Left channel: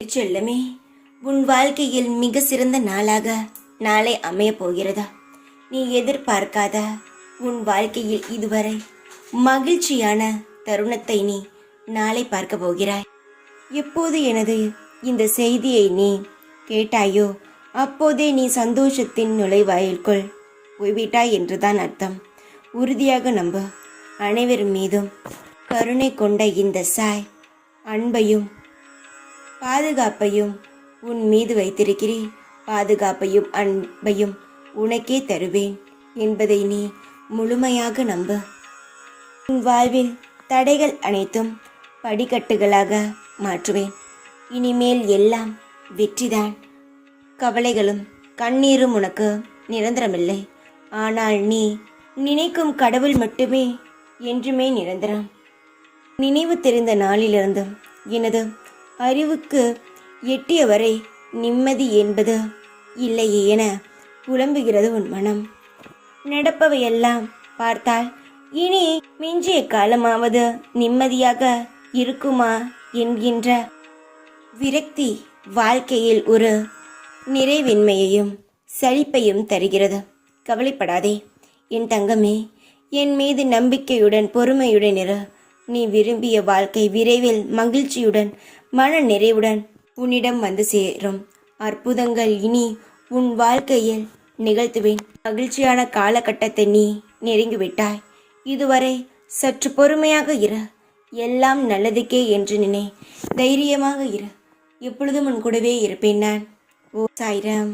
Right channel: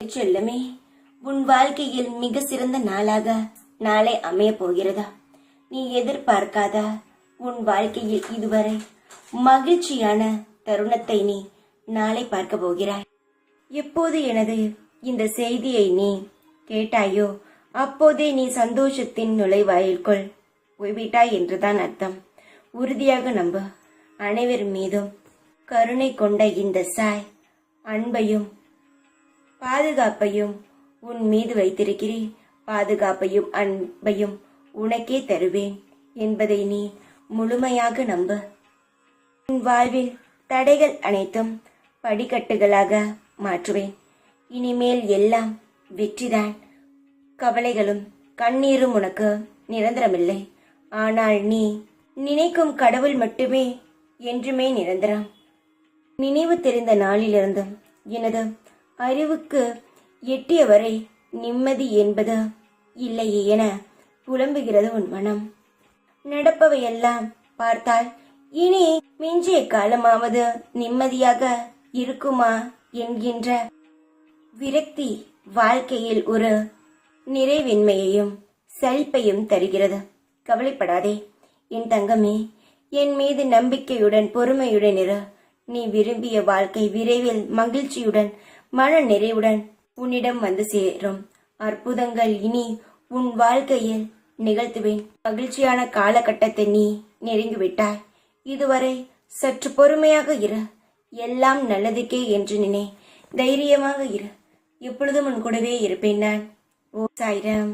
செல்லமே, உன் வாழ்க்கையில் மிக சிறந்த நாளாக நாளை அமையப் போகிறதா? நீ எதிர்பார்க்காத உன் வாழ்க்கையில் இதுவரை மகிழ்ச்சியான தருணத்தை நீ நாளை பார்க்க போகிறாய். எப்போது எனது இந்த செய்தியை நீ கேட்டாயோ அப்போதே நீ சந்தோஷத்தின் நுழைவாயில்குள் போய்விட்டாய் என்றுதான் அர்த்தம். உறுதியாக நம்ப. அனைவர் மீதும் கருணை கொண்ட இந்த சாய் அன்பையும் பாதுகாப்பையும் உன் மீது வைத்திருக்கிறேன். பாதுகாப்பையும் அன்பையும் உனக்கே தருவேன் என்பதை நீ முழுமையாக நம்ப. உன் வாழ்வில் தடைகள் அனைத்தும் படிக்கட்டுகளாக மாற்றுவேன். இனிமேல் எல்லாம் வெற்றிதான். கவலைகளும் கண்ணீரும் உனக்கு நிரந்தரமில்லை. ஆனால் நீ நினைக்கும் கடவுள் மட்டுமே என்றுமே நிரந்தரம். நினைவு தெரிந்த நாளிலிருந்து எனது அறிவுக்கு எட்டியவரை நிம்மதி என்பது இல்லையே என புலம்புகிறது உன் மனம். நடப்பவையெல்லாம் பார்த்தால் இனி மிஞ்சிய காலமாவது நிம்மதியாக இருக்குமா என்கின்ற விரக்தி வாழ்க்கையில் ஒரு நிறைவின்மையையும் சலிப்பையும் தருகிறது. கவலைப்படாதே என் தங்கமே, என் மீது நம்பிக்கையுடன் பொறுமையுடன் இரு. நீ விரும்பிய வாழ்க்கை விரைவில் மகிழ்ச்சியுடன் மன நிறைவுடன் உன்னிடம் வந்து சேரும். அற்புதங்கள் இனி உன் வாழ்க்கையில் நிகழ்த்துவேன். மகிழ்ச்சியான காலகட்டத்தை நீ நெருங்கிவிட்டாய். இதுவரை சற்று பொறுமையாக இரு. எல்லாம் நல்லதுக்கே என்று நினை. தைரியமாக இரு. எப்பொழுதும் உன் கூடவே இருப்பேன் நான். ஓ சாய்ராம்.